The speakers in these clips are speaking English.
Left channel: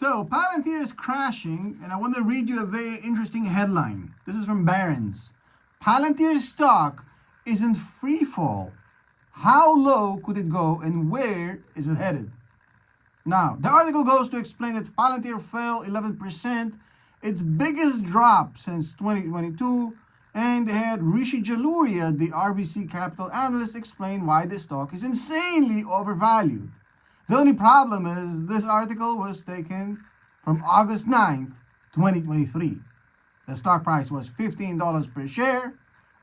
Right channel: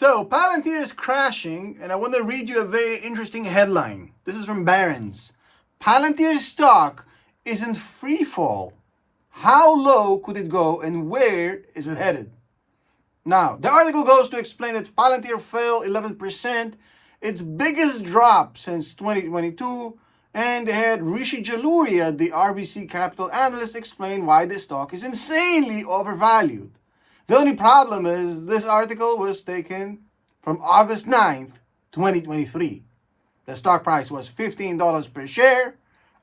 So, Palantir is crashing, and I want to read you a very interesting headline. This is from Barron's. Palantir's stock is in free fall. How low could it go, and where is it headed? Now, the article goes to explain that Palantir fell 11%, its biggest drop since 2022, and they had Rishi Jaluria, the RBC Capital analyst, explain why the stock is insanely overvalued. The only problem is this article was taken from August 9th, 2023. The stock price was $15 per share.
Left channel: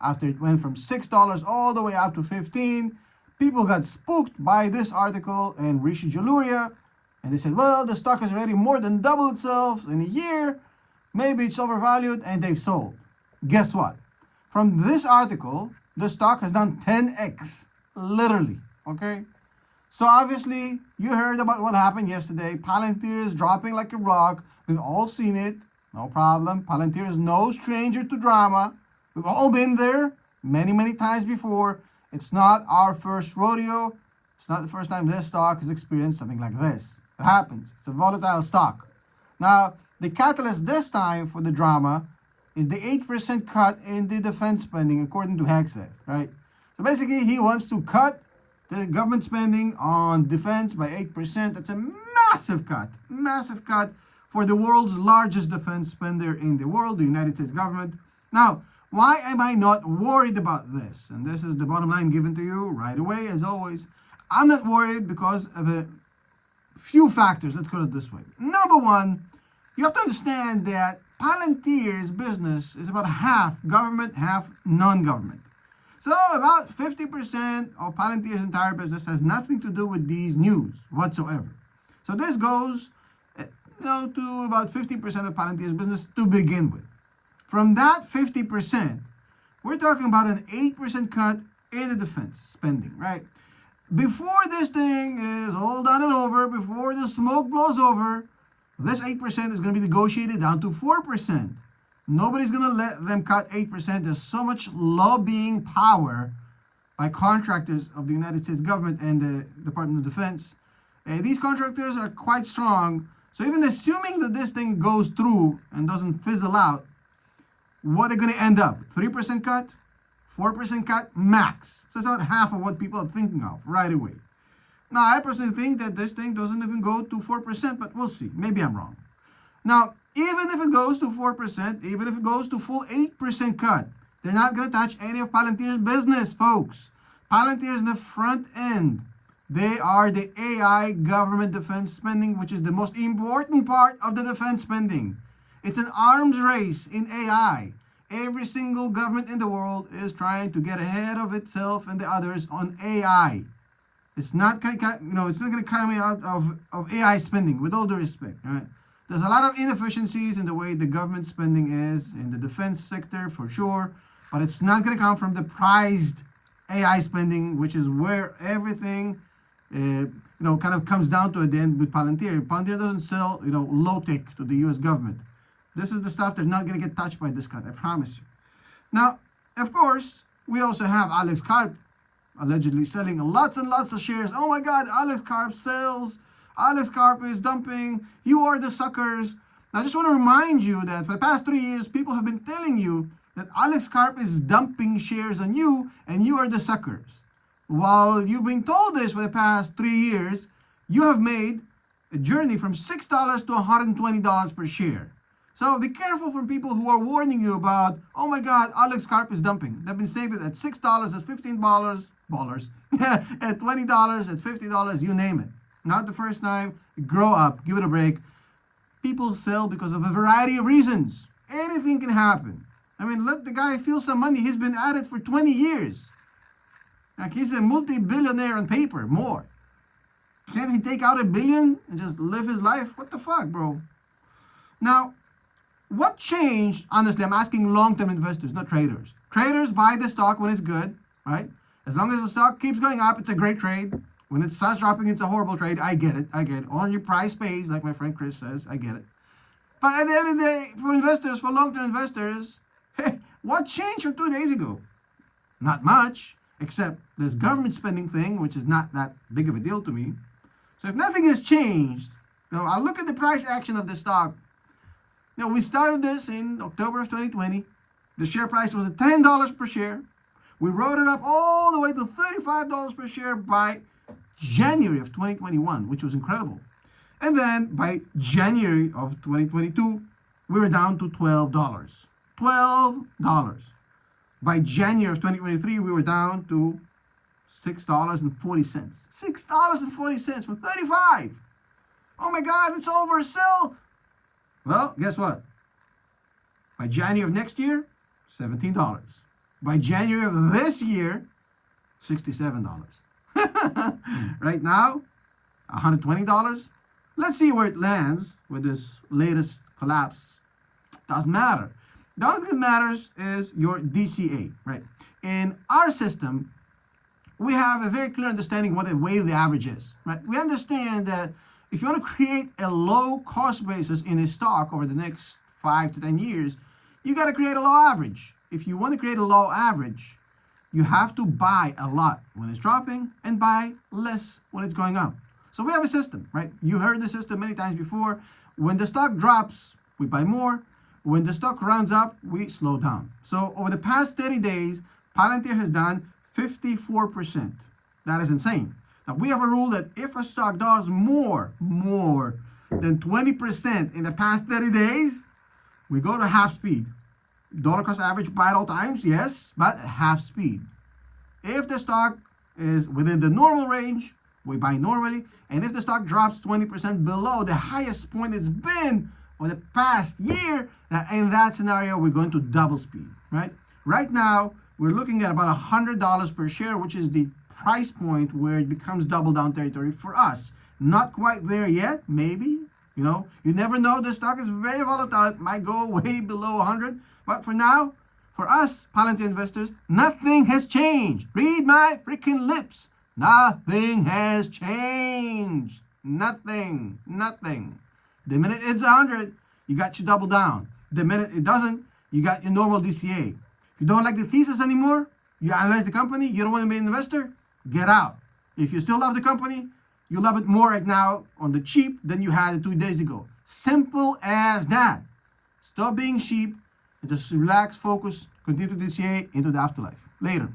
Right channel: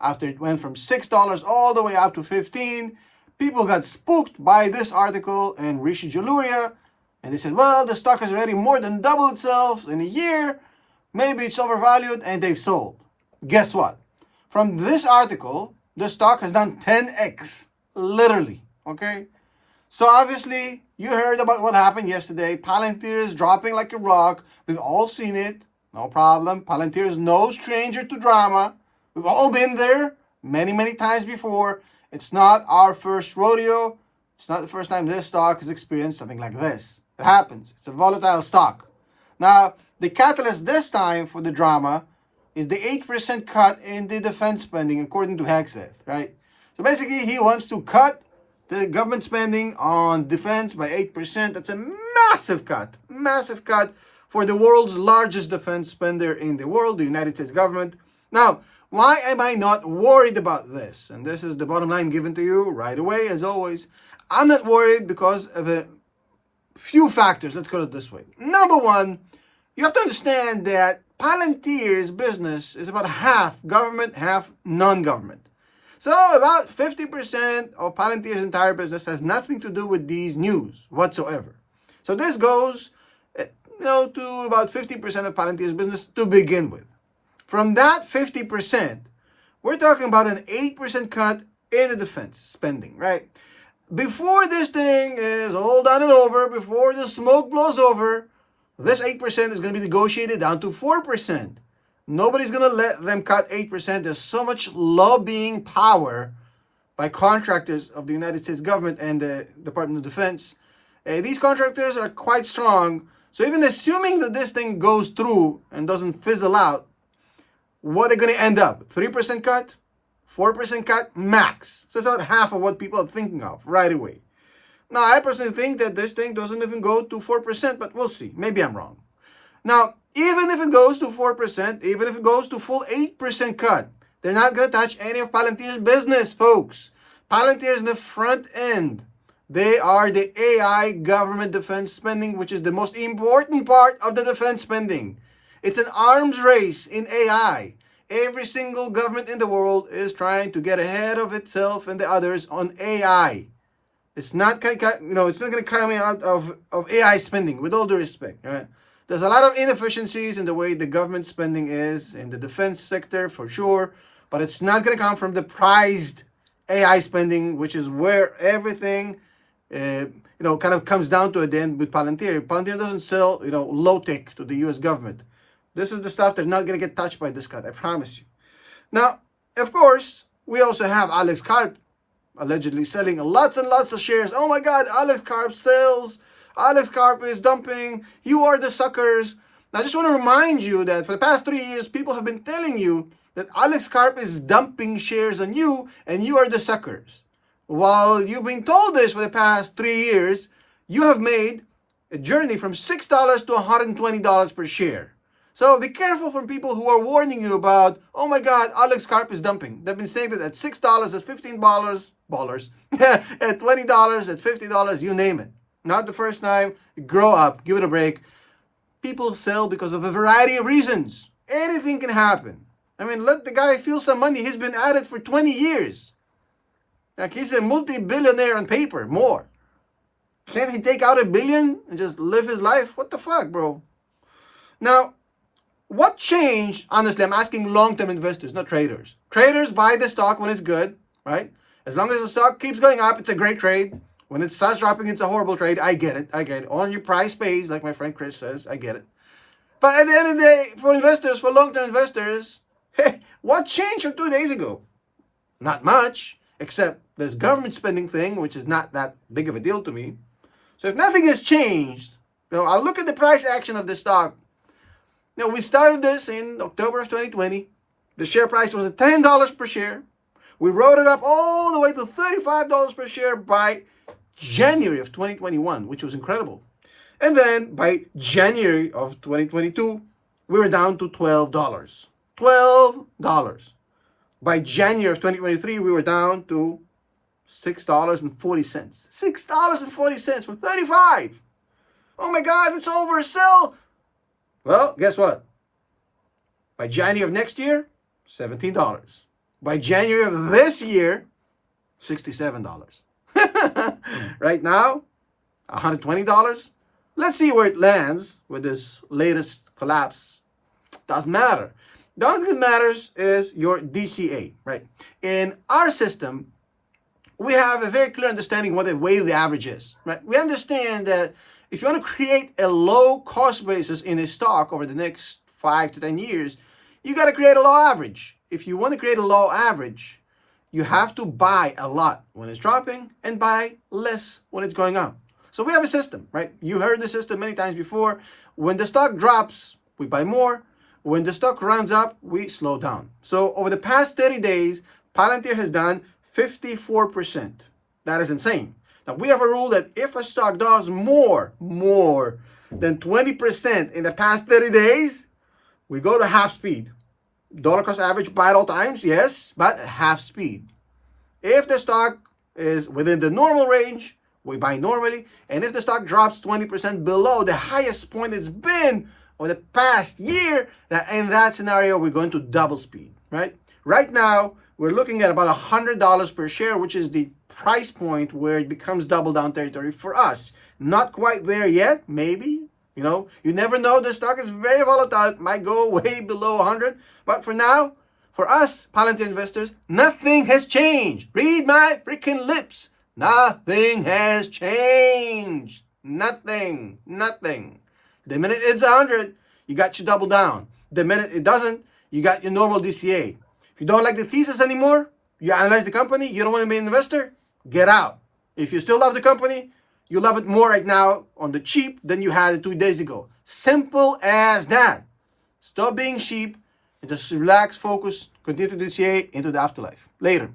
After it went from $6 all the way up to $15, people got spooked by this article and Rishi Jaluria, and they said, well, the stock has already more than doubled itself in a year. Maybe it's overvalued, and they've sold. Guess what? From this article, the stock has done 10x, literally, okay? So obviously, you heard about what happened yesterday. Palantir is dropping like a rock. We've all seen it. No problem. Palantir is no stranger to drama. We've all been there many, many times before. It's not our first rodeo. It's not the first time this stock has experienced something like this. It happens. It's a volatile stock. Now, the catalyst this time for the drama is the 8% cut in the defense spending, according to Hegseth, right? So basically, he wants to cut the government spending on defense by 8%. That's a massive cut for the world's largest defense spender in the world, the United States government. Now, why am I not worried about this? And this is the bottom line given to you right away, as always. I'm not worried because of a few factors. Let's put it this way. Number one, you have to understand that Palantir's business is about half government, half non-government. So about 50% of Palantir's entire business has nothing to do with these news whatsoever. So this goes, to about 50% of Palantir's business to begin with. From that 50%, we're talking about an 8% cut in the defense spending, right? Before this thing is all done and over, before the smoke blows over, this 8% is going to be negotiated down to 4%. Nobody's going to let them cut 8%. There's so much lobbying power by contractors of the United States government and the Department of Defense. These contractors are quite strong. So even assuming that this thing goes through and doesn't fizzle out, what are going to end up? 3% cut? 4% cut? Max. So it's about half of what people are thinking of right away. Now, I personally think that this thing doesn't even go to 4%, but we'll see. Maybe I'm wrong. Now, even if it goes to 4%, even if it goes to full 8% cut, they're not going to touch any of Palantir's business, folks. Palantir is in the front end. They are the AI government defense spending, which is the most important part of the defense spending. It's an arms race in AI. Every single government in the world is trying to get ahead of itself and the others on AI. It's not going to come out of AI spending, with all due respect, right? There's a lot of inefficiencies in the way the government spending is in the defense sector, for sure, but it's not going to come from the prized AI spending, which is where everything, kind of comes down to at the end with Palantir. Palantir doesn't sell, low-tech to the U.S. government. This is the stuff that's not going to get touched by this cut, I promise you. Now, of course, we also have Alex Karp allegedly selling lots and lots of shares. Oh my God, Alex Karp sells. Alex Karp is dumping. You are the suckers. Now, I just want to remind you that for the past 3 years, people have been telling you that Alex Karp is dumping shares on you and you are the suckers. While you've been told this for the past 3 years, you have made a journey from $6 to $120 per share. So be careful from people who are warning you about, oh my God, Alex Karp is dumping. They've been saying that at $6, at $15, at $20, at $50, you name it. Not the first time. Grow up. Give it a break. People sell because of a variety of reasons. Anything can happen. I mean, let the guy feel some money. He's been at it for 20 years. Like, he's a multi-billionaire on paper, more. Can't he take out $1 billion and just live his life? What the fuck, bro? Now, what changed? Honestly, I'm asking long-term investors, not traders. Traders buy the stock when it's good, right? As long as the stock keeps going up, it's a great trade. When it starts dropping, it's a horrible trade. I get it. On your price pays, like my friend Chris says. I get it. But at the end of the day, for investors, for long-term investors, hey, what changed from 2 days ago? Not much, except this government spending thing, which is not that big of a deal to me. So if nothing has changed, I look at the price action of the stock. We started this in October of 2020. The share price was at $10 per share. We rode it up all the way to $35 per share by January of 2021, which was incredible. And then by January of 2022, we were down to $12. $12. By January of 2023, we were down to $6.40. $6.40 from 35. Oh my God, it's oversell. Well, guess what? By January of next year, $17. By January of this year, $67. Right now, $120. Let's see where it lands with this latest collapse. Doesn't matter. The only thing that matters is your DCA, right? In our system, we have a very clear understanding what the weighted average is, right? We understand that if you want to create a low cost basis in a stock over the next 5 to 10 years, you got to create a low average. If you want to create a low average, you have to buy a lot when it's dropping and buy less when it's going up. So we have a system, right? You heard the system many times before. When the stock drops, we buy more. When the stock runs up, we slow down. So over the past 30 days, Palantir has done 54%. That is insane. Now we have a rule that if a stock does more than 20% in the past 30 days, we go to half speed. Dollar cost average, buy at all times, yes, but half speed. If the stock is within the normal range, we buy normally. And if the stock drops 20% below the highest point it's been over the past year, in that scenario, we're going to double speed, right? Right now, we're looking at about $100 per share, which is the price point where it becomes double down territory for us. Not quite there yet, maybe. You never know. The stock is very volatile. It might go way below 100. But for now, for us Palantir investors, nothing has changed. Read my freaking lips. Nothing has changed. Nothing. The minute it's 100, you got your double down. The minute it doesn't, you got your normal DCA. If you don't like the thesis anymore, you analyze the company, you don't want to be an investor, get out. If you still love the company, you love it more right now on the cheap than you had it 2 days ago. Simple as that. Stop being sheep and just relax, focus, continue to DCA into the afterlife. Later.